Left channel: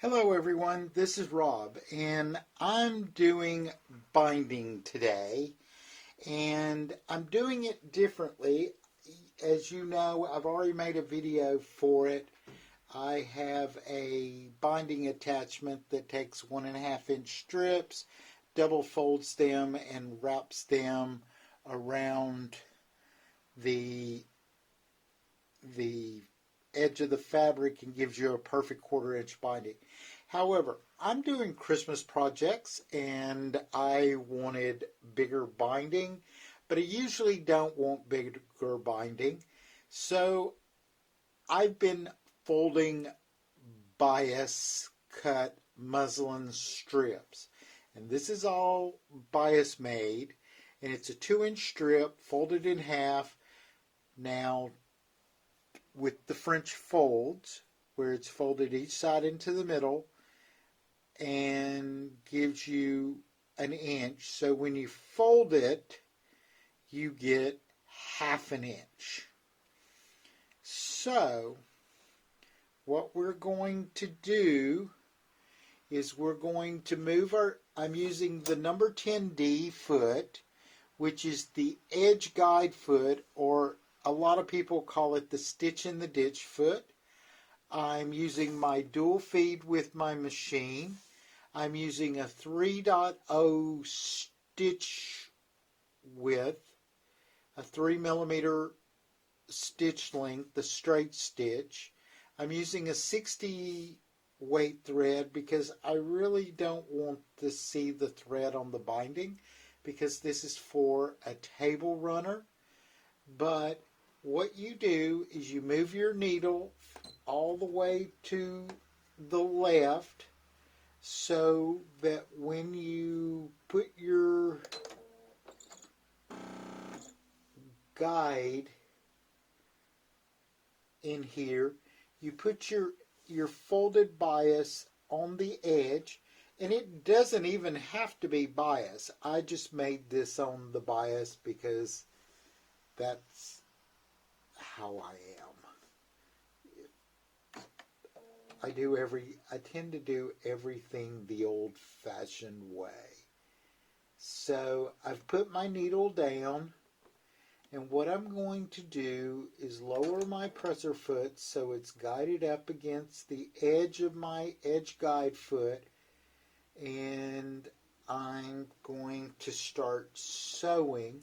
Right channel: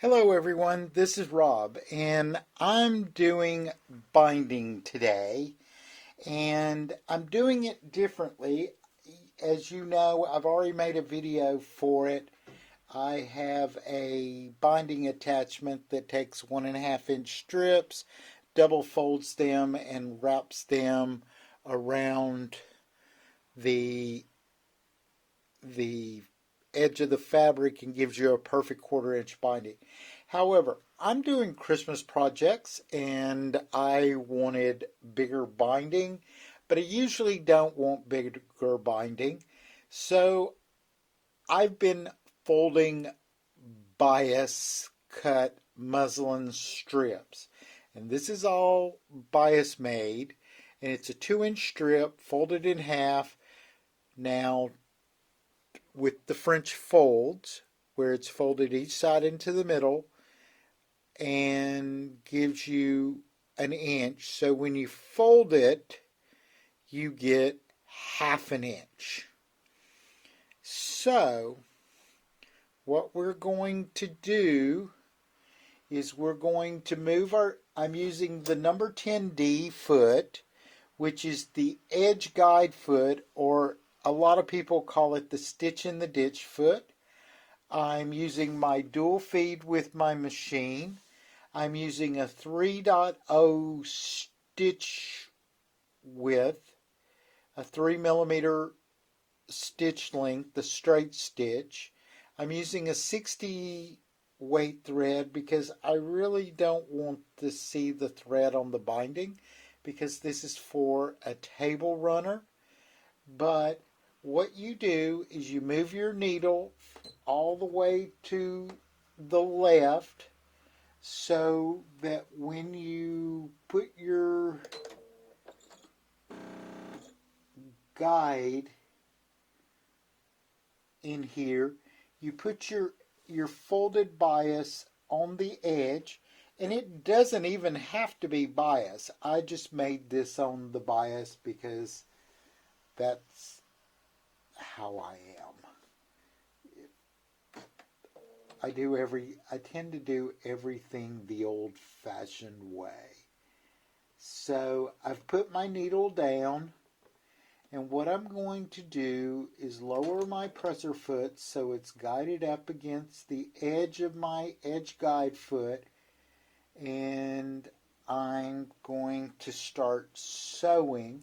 Hello everyone, this is Rob and I'm doing binding today and I'm doing it differently. As you know, I've already made a video for it. I have a binding attachment that takes 1.5-inch strips, double folds them and wraps them around the edge of the fabric and gives you a perfect 1/4-inch binding. However, I'm doing Christmas projects and I wanted bigger binding, but I usually don't want bigger binding. So I've been folding bias cut muslin strips. And this is all bias made. And it's a 2-inch strip folded in half. Now, with the French folds, where it's folded each side into the middle and gives you an inch. So when you fold it, you get 1/2 inch. So what we're going to do is we're going to move I'm using the number 10D foot, which is the edge guide foot, or a lot of people call it the stitch in the ditch foot. I'm using my dual feed with my machine. I'm using a 3.0 stitch width, a 3mm stitch length, the straight stitch. I'm using a 60 weight thread because I really don't want to see the thread on the binding because this is for a table runner. But what you do is you move your needle all the way to the left so that when you put your guide in here, you put your folded bias on the edge, and it doesn't even have to be bias. I just made this on the bias because that's how I am. I tend to do everything the old-fashioned way. So I've put my needle down, and what I'm going to do is lower my presser foot so it's guided up against the edge of my edge guide foot, and I'm going to start sewing,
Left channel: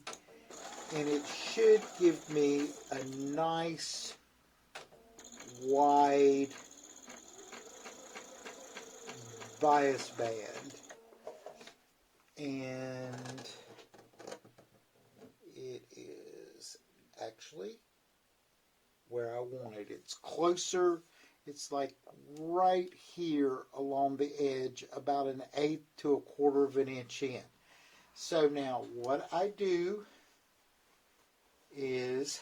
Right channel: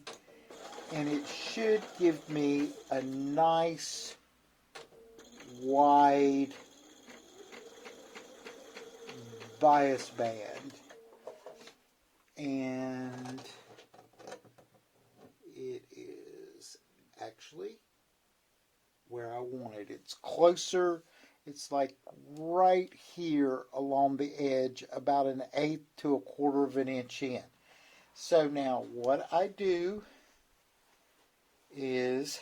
and it should give me a nice wide bias band, and it is actually where I want it. It's closer. It's like right here along the edge, about 1/8 to 1/4 of an inch in. So now what I do is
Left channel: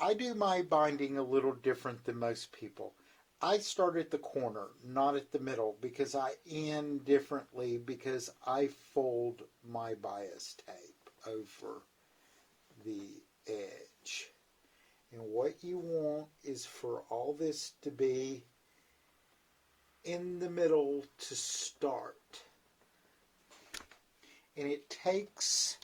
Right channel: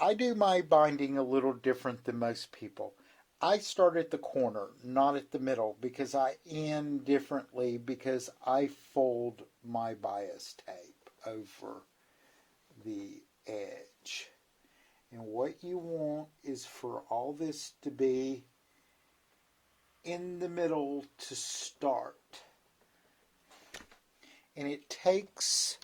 I do my binding a little different than most people. I start at the corner, not at the middle, because I end differently because I fold my bias tape over the edge. And what you want is for all this to be in the middle to start. And it takes,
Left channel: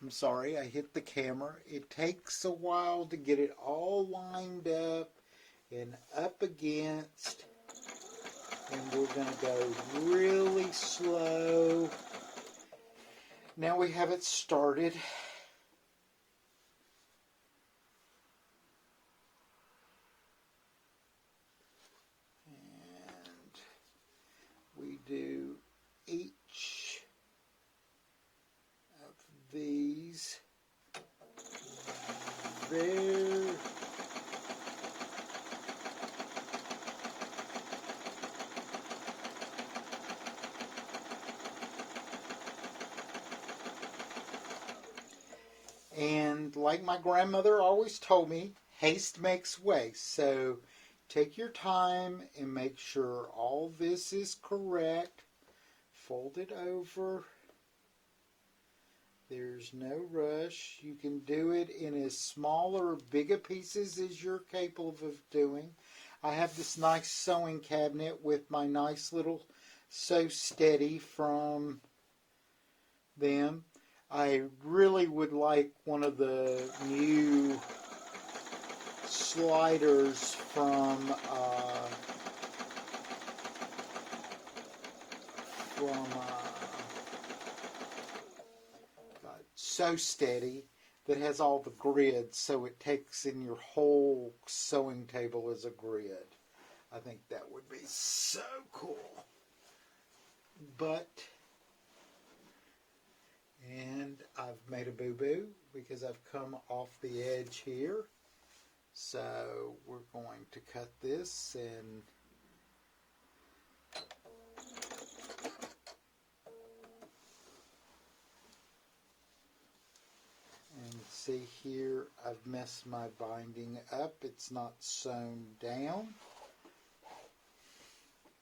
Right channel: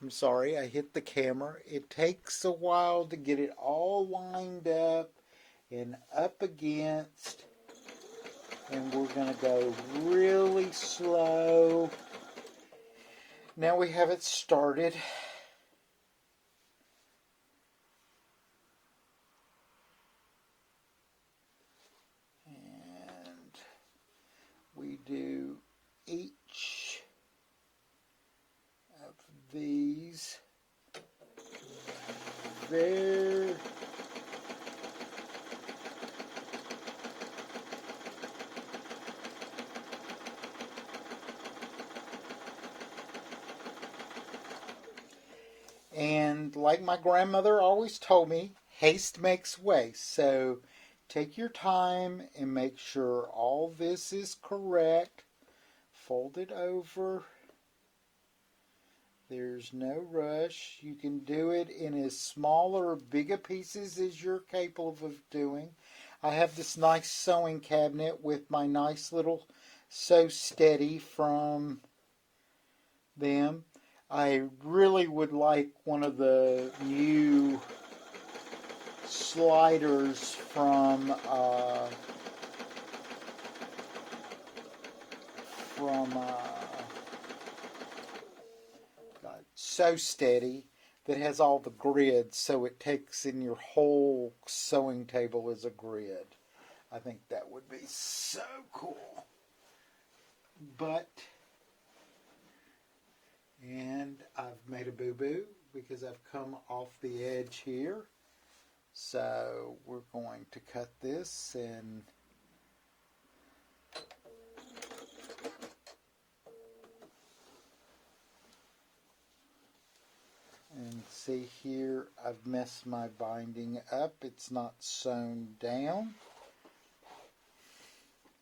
I'm sorry, I hit the camera. It takes a while to get it all lined up and up against. And we're going to go really slow. Now we have it started. And we do each of these there. And like my grandmother always told me, haste makes waste. So take your time and make sure all this is correct. Fold it over There's no rush. You can do it in as small or bigger pieces as you're capable of doing. I have this nice sewing cabinet with my nice little Sew Steady from them. I really would like one of the new sliders from Sew Steady that has all the grids, so it takes in your whole sewing table as a grid. I think that would be so cool. And I've made a boo-boo because I've come off the edge here. So we're going to cut this and see here, I've messed my binding up. It's not sewn down.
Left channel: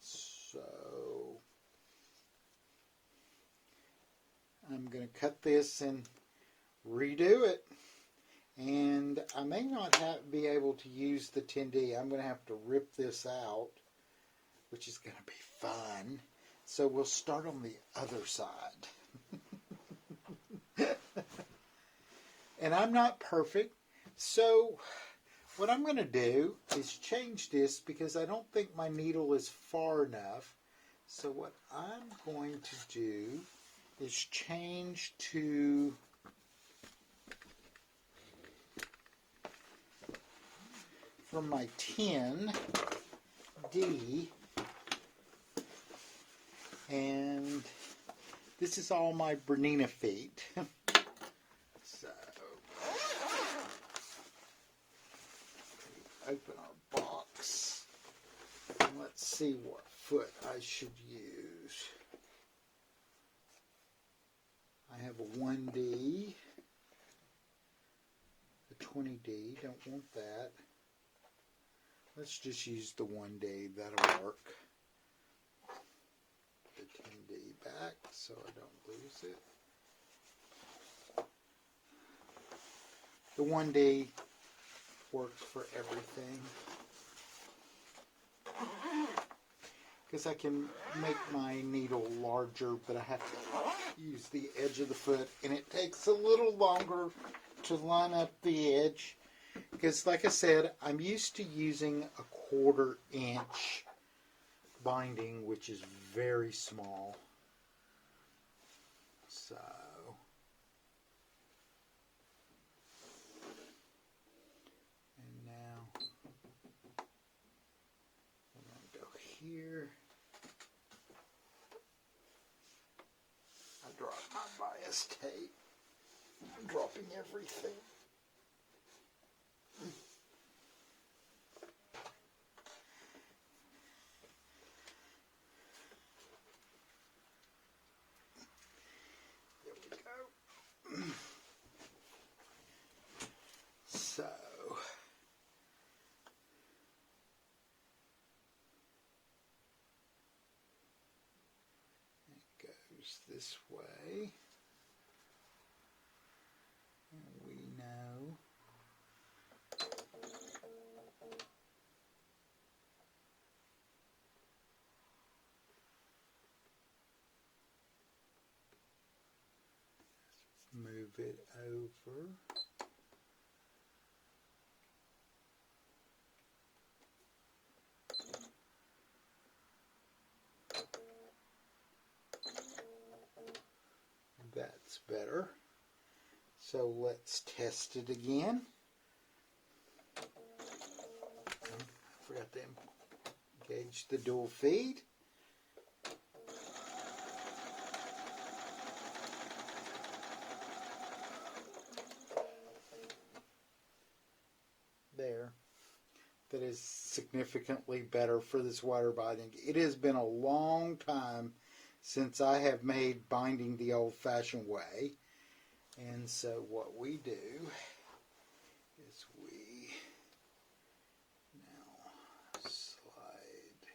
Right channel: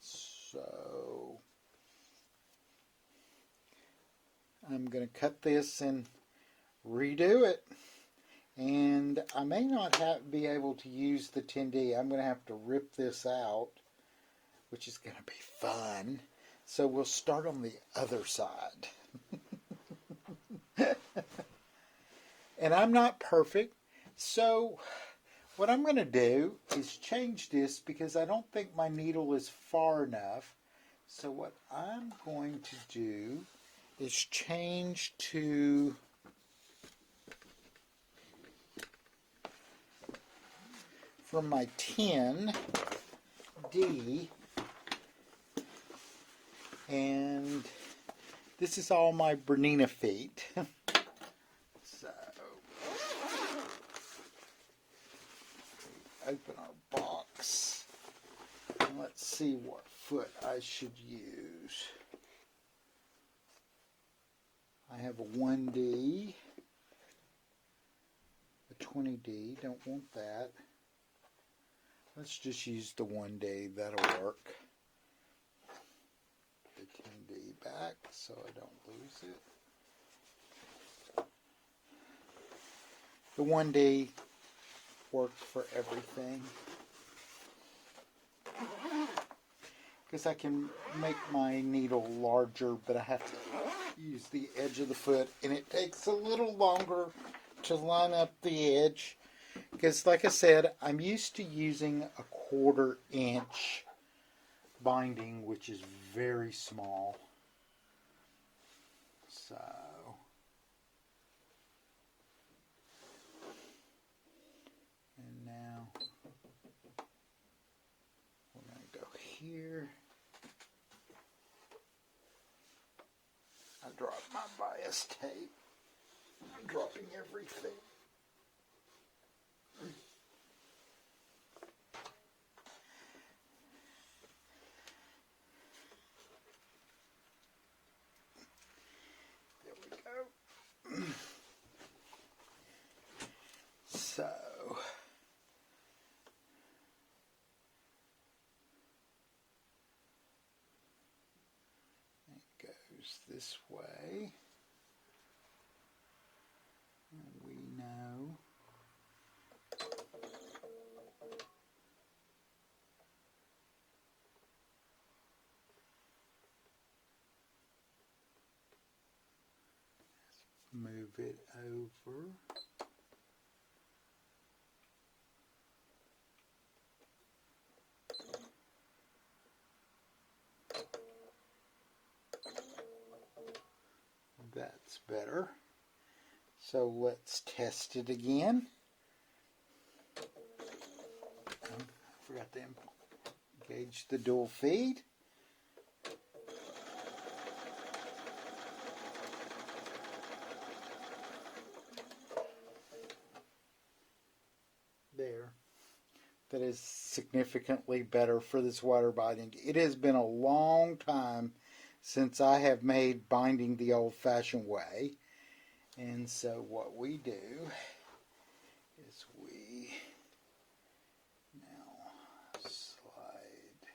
So I'm going to cut this and redo it. And I may not be able to use the 10D. I'm going to have to rip this out, which is going to be fun. So we'll start on the other side. And I'm not perfect, so what I'm going to do is change this because I don't think my needle is far enough. So what I'm going to do is change to from my 10D, and this is all my Bernina feet. So open our box and let's see what foot I should use. I have a 1D, a 20D, don't want that. Let's just use the 1D, that'll work. The 10D back so I don't lose it. The 1D works for everything. Because I can make my needle larger, but I have to use the edge of the foot, and it takes a little longer to line up the edge. Because, like I said, I'm used to using a 1/4 inch binding, which is very small. So and now we're going to go here. I dropped my bias tape. I'm dropping everything. So, it goes this way. We know move it over. That's better. So let's test it again. I forgot to engage the dual feed. There. That is significantly better for this water binding. It has been a long time since I have made binding the old-fashioned way. And so what we do is we now slide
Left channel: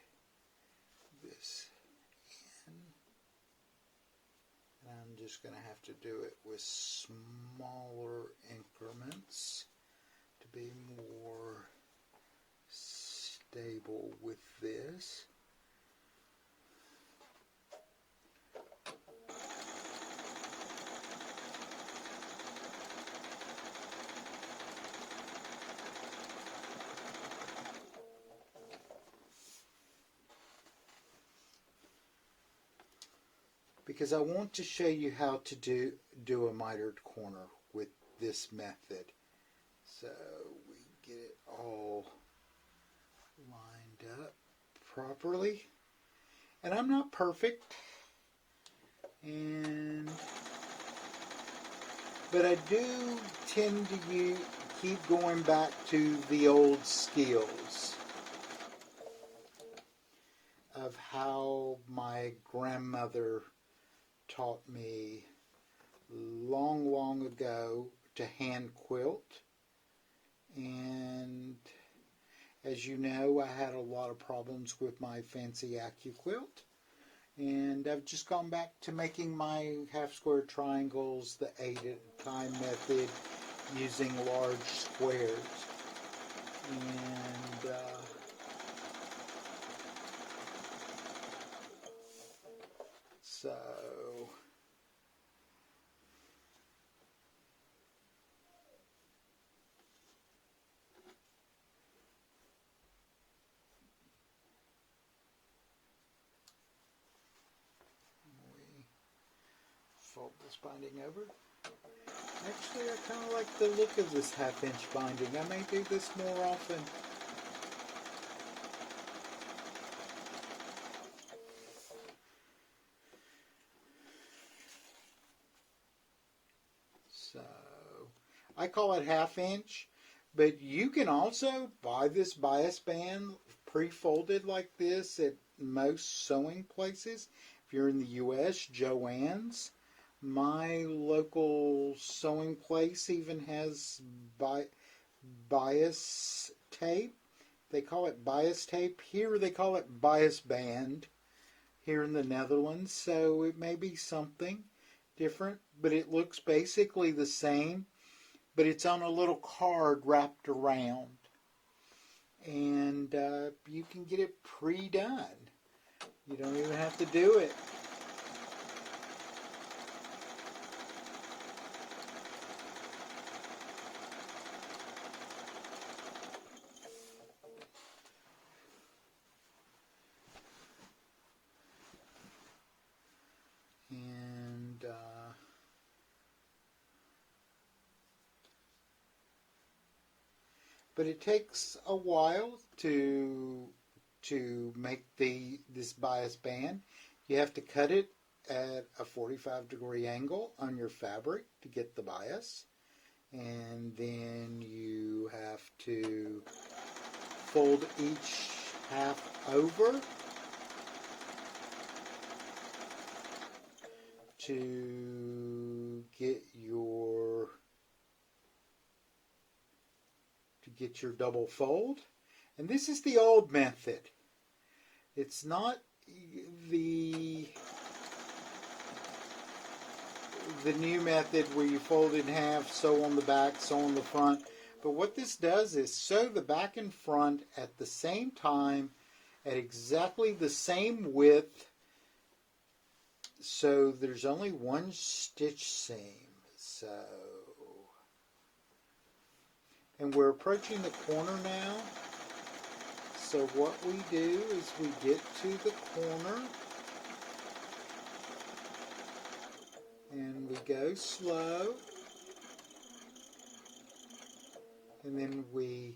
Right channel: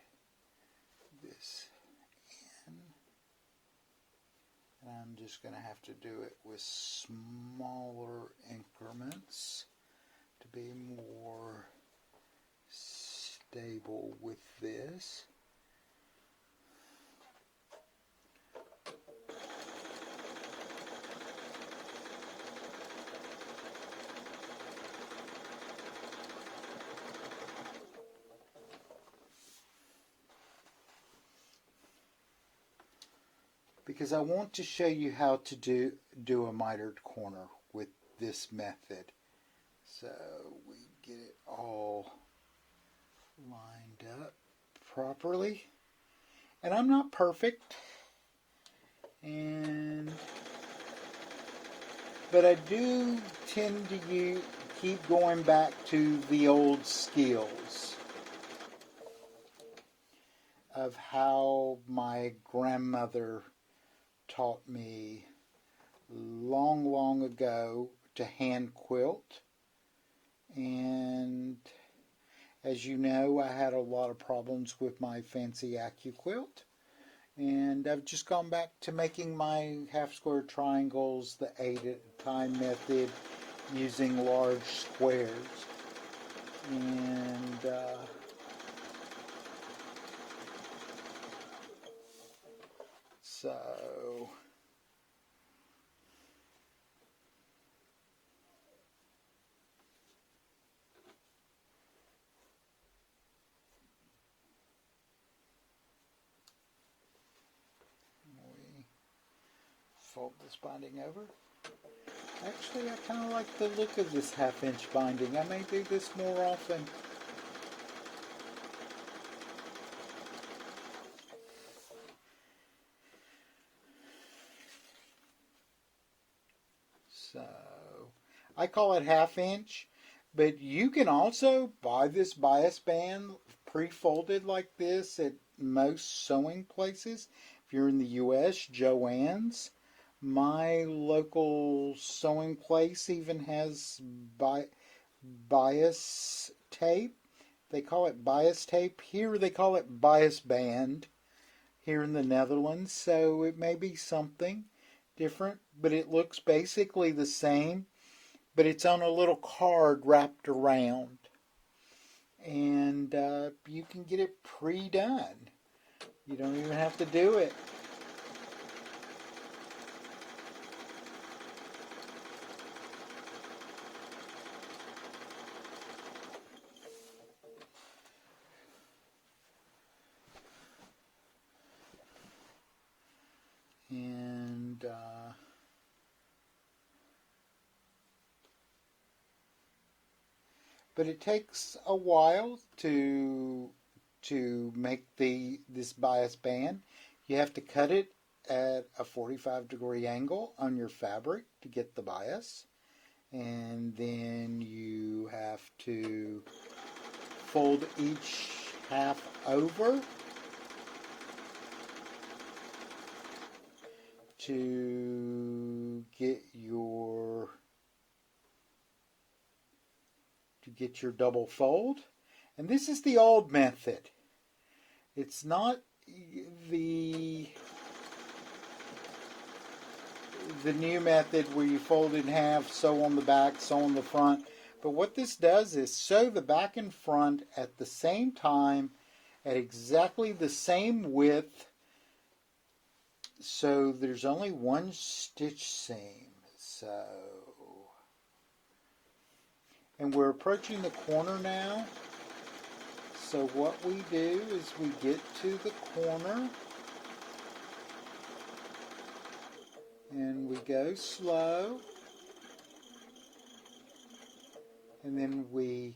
this in. And I'm just going to have to do it with smaller increments to be more stable with this. Because I want to show you how to do a mitered corner with this method. So we get it all lined up properly. And I'm not perfect, but I do tend to keep going back to the old skills of how my grandmother taught me long, long ago to hand quilt. And as you know, I had a lot of problems with my fancy AccuQuilt. And I've just gone back to making my half square triangles the 8 at a time method using large squares. And so we fold this binding over. Actually, I kind of like the look of this half-inch binding. I may do this more often. So, I call it half-inch, but you can also buy this bias band pre-folded like this at most sewing places. If you're in the U.S., Joann's. My local sewing place even has bias tape. They call it bias tape. Here they call it bias band here in the Netherlands. So it may be something different, but it looks basically the same. But it's on a little card wrapped around. And you can get it pre-done. You don't even have to do it. And but it takes a while to make this bias band. You have to cut it at a 45-degree angle on your fabric to get the bias, and then you have to fold each half over to get your double fold. And this is the old method. It's not the new method where you fold in half, sew on the back, sew on the front. But what this does is sew the back and front at the same time, at exactly the same width, so there's only one stitch seam. And we're approaching the corner now. So what we do is we get to the corner and we go slow, and then we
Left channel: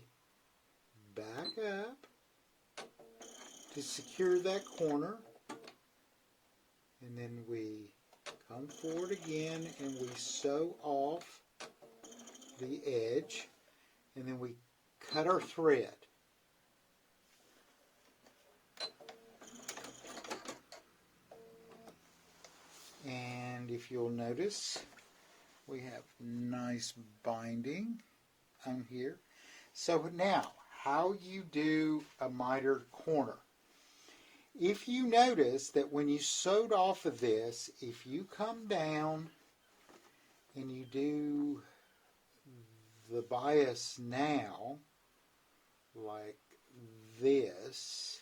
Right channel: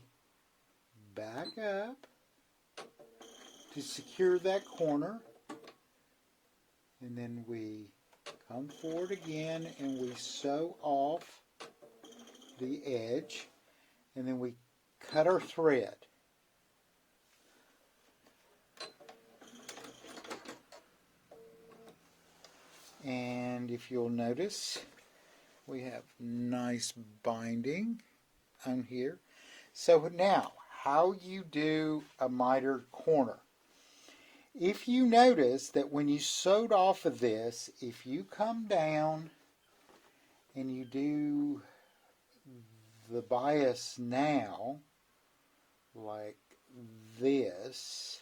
back up to secure that corner, and then we come forward again and we sew off the edge, and then we cut our thread. And if you'll notice, we have nice binding on here. So now, how you do a mitered corner if you notice that when you sewed off of this, if you come down and you do the bias now, like this,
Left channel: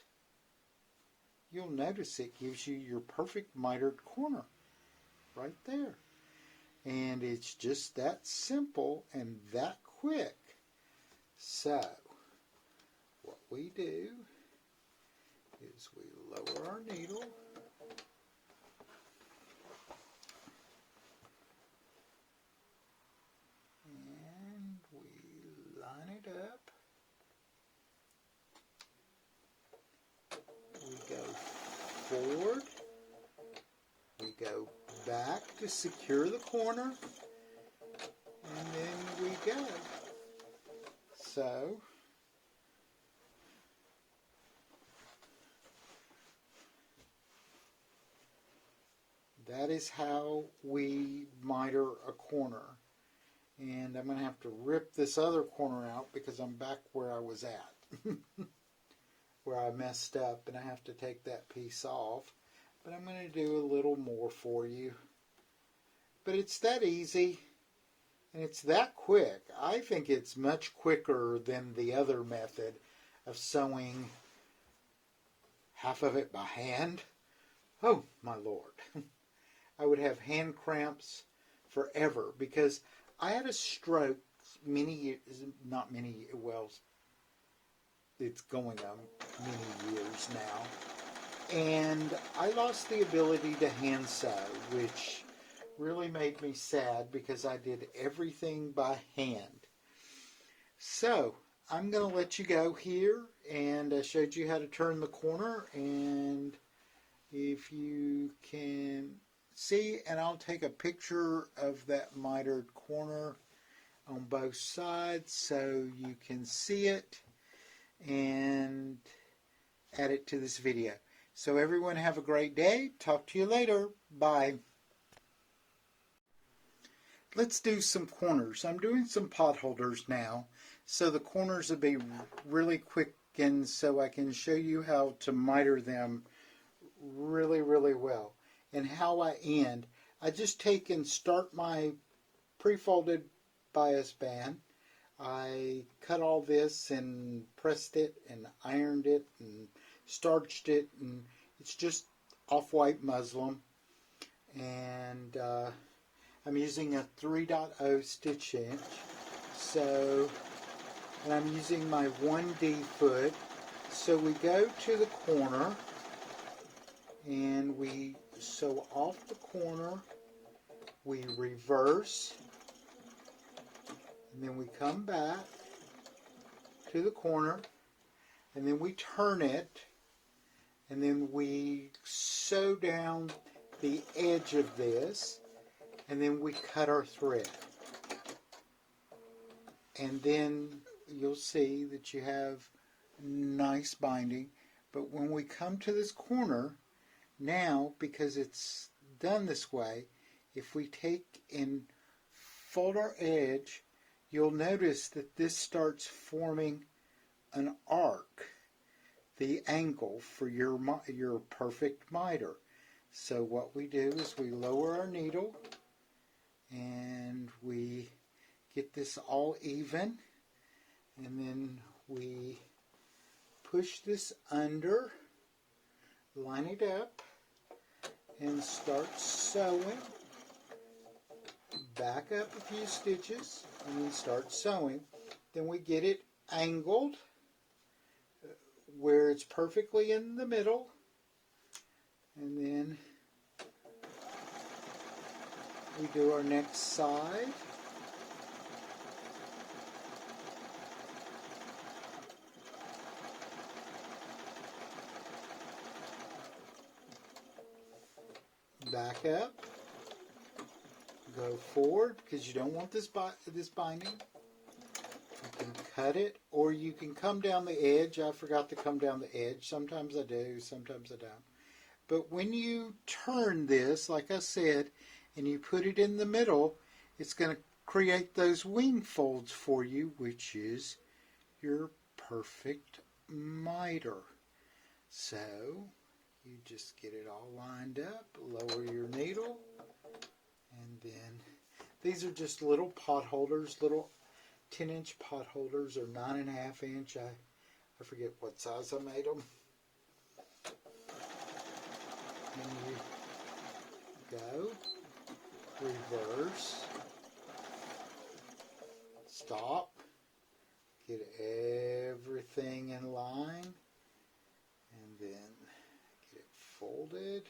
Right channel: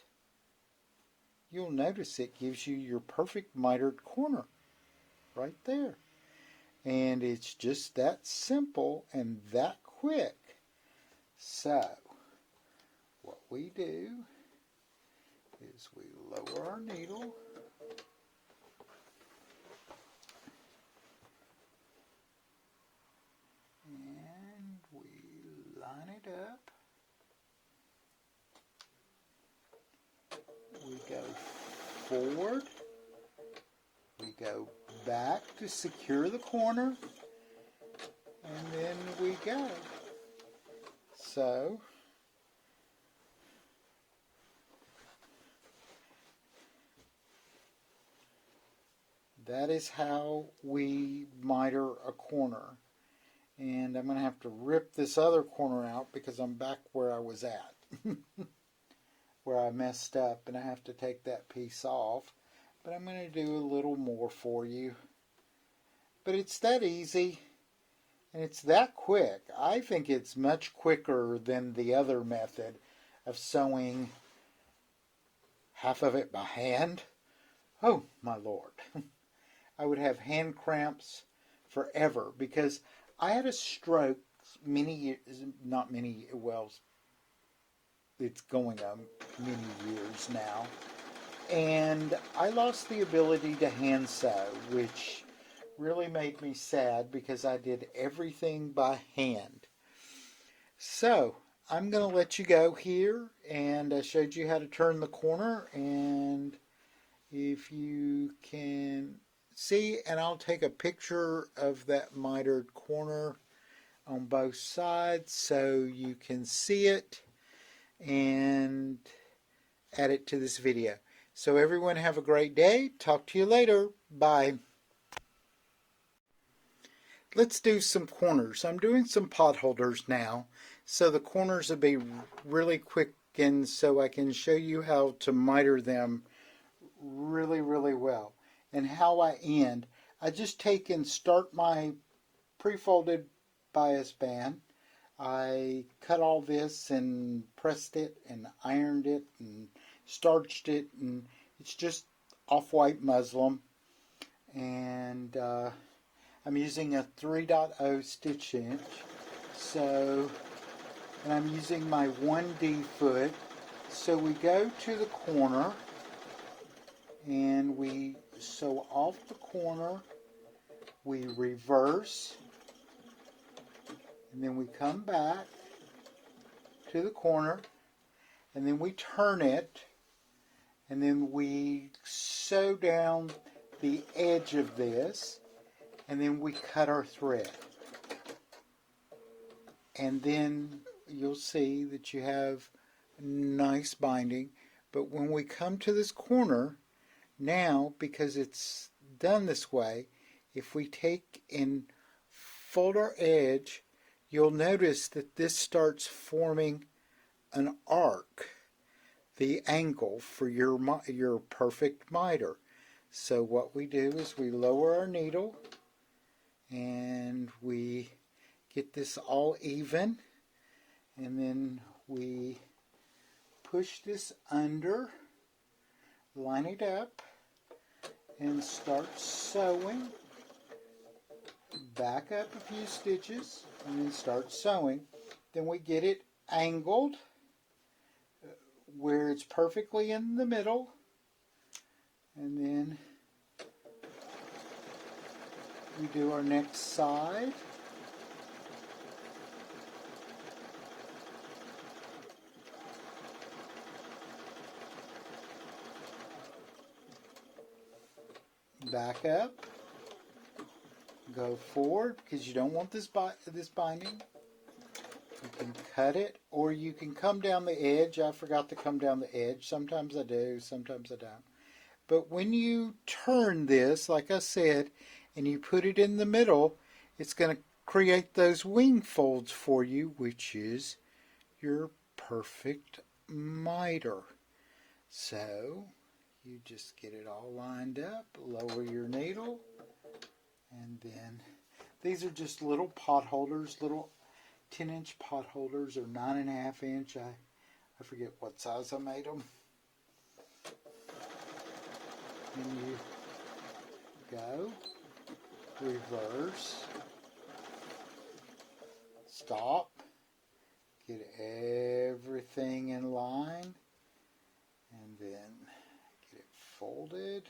you'll notice it gives you your perfect mitered corner right there. And it's just that simple and that quick. So, what we do is we lower our needle, and we line it up. We go forward, we go back to secure the corner, and then we go. So, that is how we miter a corner. And I'm going to have to rip this other corner out because I'm back where I was at. Where I messed up, and I have to take that piece off. But I'm going to do a little more for you. But it's that easy, and it's that quick. I think it's much quicker than the other method of sewing half of it by hand. Oh, my Lord. I would have hand cramps forever because I had a stroke many years, not many, well, it's going on many years now. And I lost the ability to hand sew, which really made me sad because I did everything by hand. So, I'm going to let you go here, and I showed you how to turn the corner, and if you can see, and I'll take a picture of that mitered corner on both sides so you can see it and add it to this video. So everyone have a great day. Talk to you later. Bye. Let's do some corners. I'm doing some pot holders now, so the corners will be really quick, and so I can show you how to miter them really, really well. And how I end. I just take and start my prefolded bias band. I cut all this and pressed it and ironed it and starched it, and it's just off-white muslin. And I'm using a 3.0 stitch inch. So, and I'm using my 1D foot. So we go to the corner and we sew off the corner, we reverse, and then we come back to the corner, and then we turn it, and then we sew down the edge of this, and then we cut our thread. And then you'll see that you have nice binding. But when we come to this corner, now, because it's done this way, if we take and fold our edge, you'll notice that this starts forming an arc, the angle for your perfect miter. So what we do is we lower our needle and we get this all even, and then we push this under, line it up, and start sewing. Back up a few stitches, and we start sewing. Then we get it angled where it's perfectly in the middle, and then we do our next side. Back up, go forward because you don't want this binding. You can cut it, or you can come down the edge. I forgot to come down the edge. Sometimes I do, sometimes I don't. But when you turn this, like I said, and you put it in the middle, it's going to create those wing folds for you, which is your perfect miter. So you just get it all lined up, lower your needle, and then these are just little pot holders, little 10-inch pot holders or 9.5-inch. I forget what size I made them. And you go, reverse, stop, get everything in line, and then get it folded,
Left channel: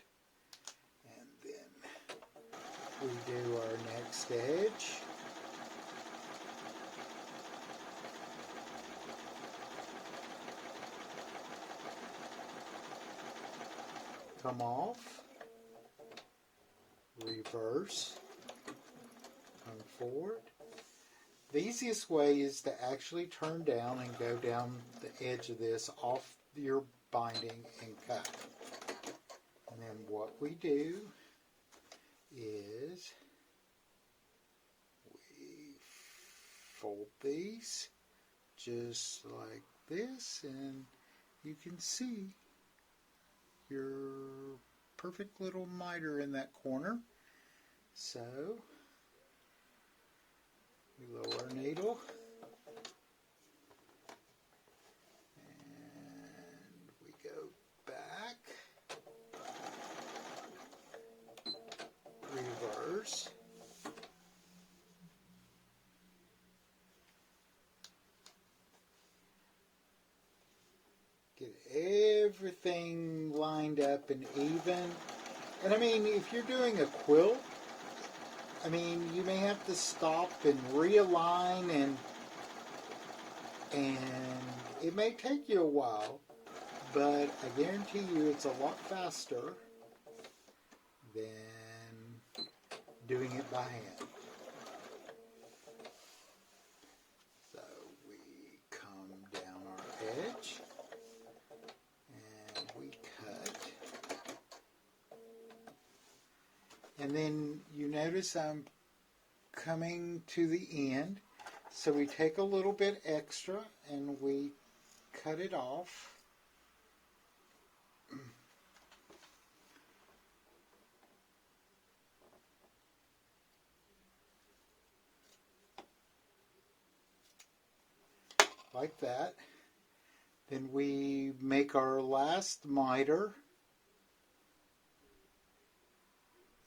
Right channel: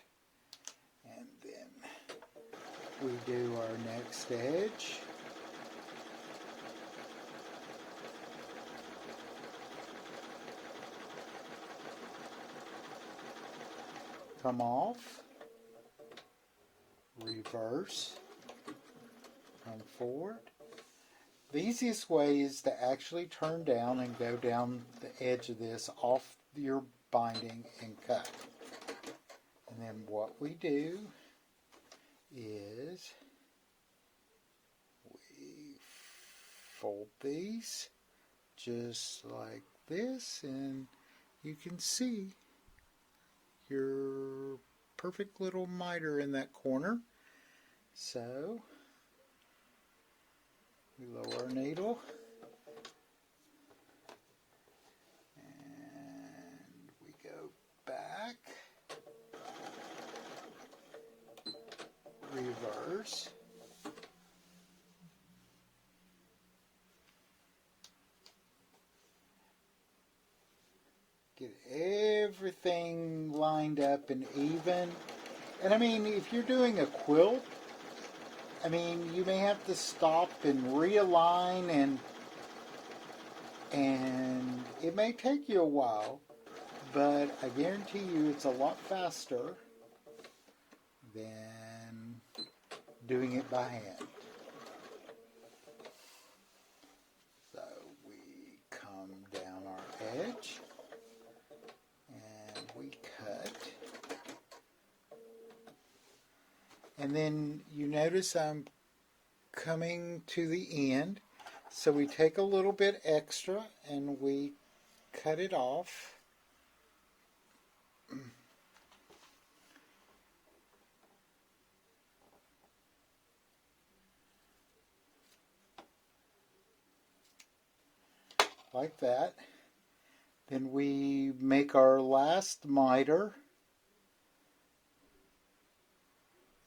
and then we do our next edge. Come off, reverse, come forward. The easiest way is to actually turn down and go down the edge of this off your binding and cut. And then what we do is we fold these just like this, and you can see your perfect little miter in that corner. So we lower our needle and we go back, reverse, get everything lined up and even. And I mean, if you're doing a quilt, I mean, you may have to stop and realign, and it may take you a while, but I guarantee you it's a lot faster than doing it by hand. So we come down our edge and we cut. And then you notice I'm coming to the end, so we take a little bit extra and we cut it off. Like that. Then we make our last miter.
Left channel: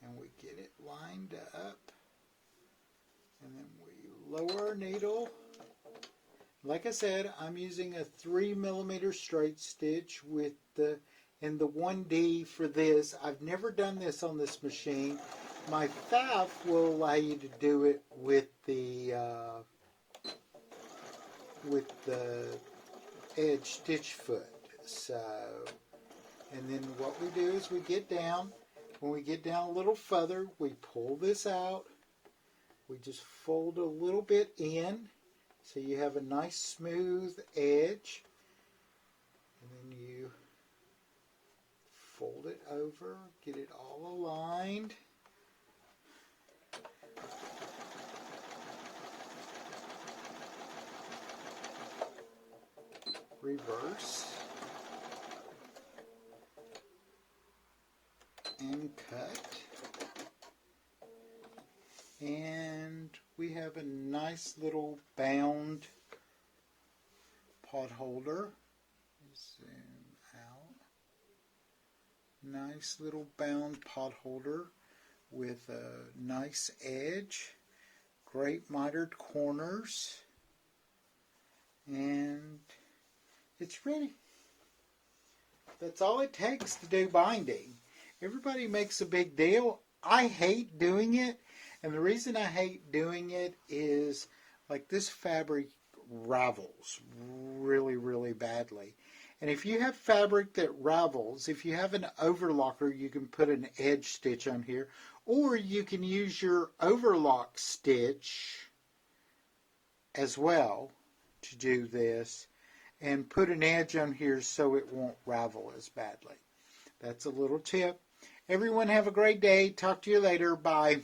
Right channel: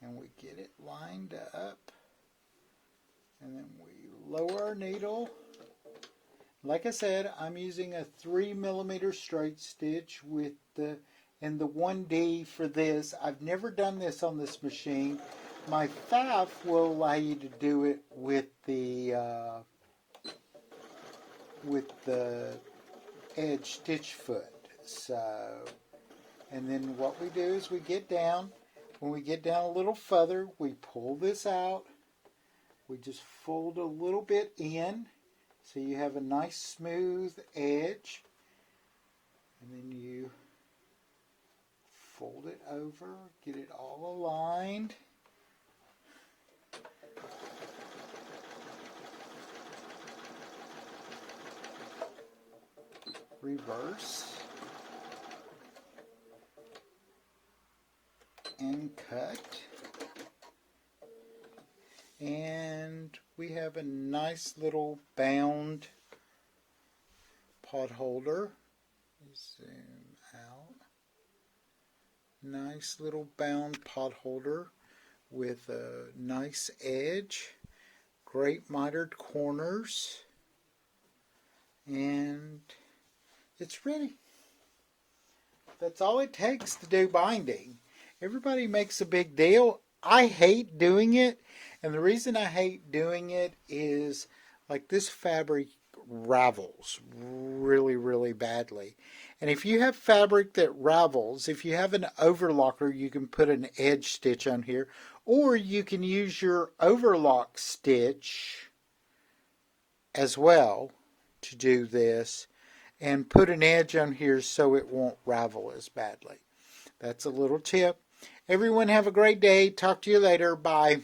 And we get it lined up, and then we lower our needle. Like I said, I'm using a 3mm straight stitch with the 1D for this. I've never done this on this machine. My FAF will allow you to do it with the edge stitch foot. So, and then what we do is we get down. When we get down a little further, we pull this out. We just fold a little bit in so you have a nice smooth edge. And then you fold it over, get it all aligned. Reverse. And cut, and we have a nice little bound pot holder. Zoom out. Nice little bound pot holder with a nice edge, great mitered corners, and it's ready. That's all it takes to do binding. Everybody makes a big deal. I hate doing it, and the reason I hate doing it is like this fabric ravels really, really badly. And if you have fabric that ravels, if you have an overlocker, you can put an edge stitch on here, or you can use your overlock stitch as well to do this and put an edge on here so it won't ravel as badly. That's a little tip. Everyone have a great day. Talk to you later. Bye.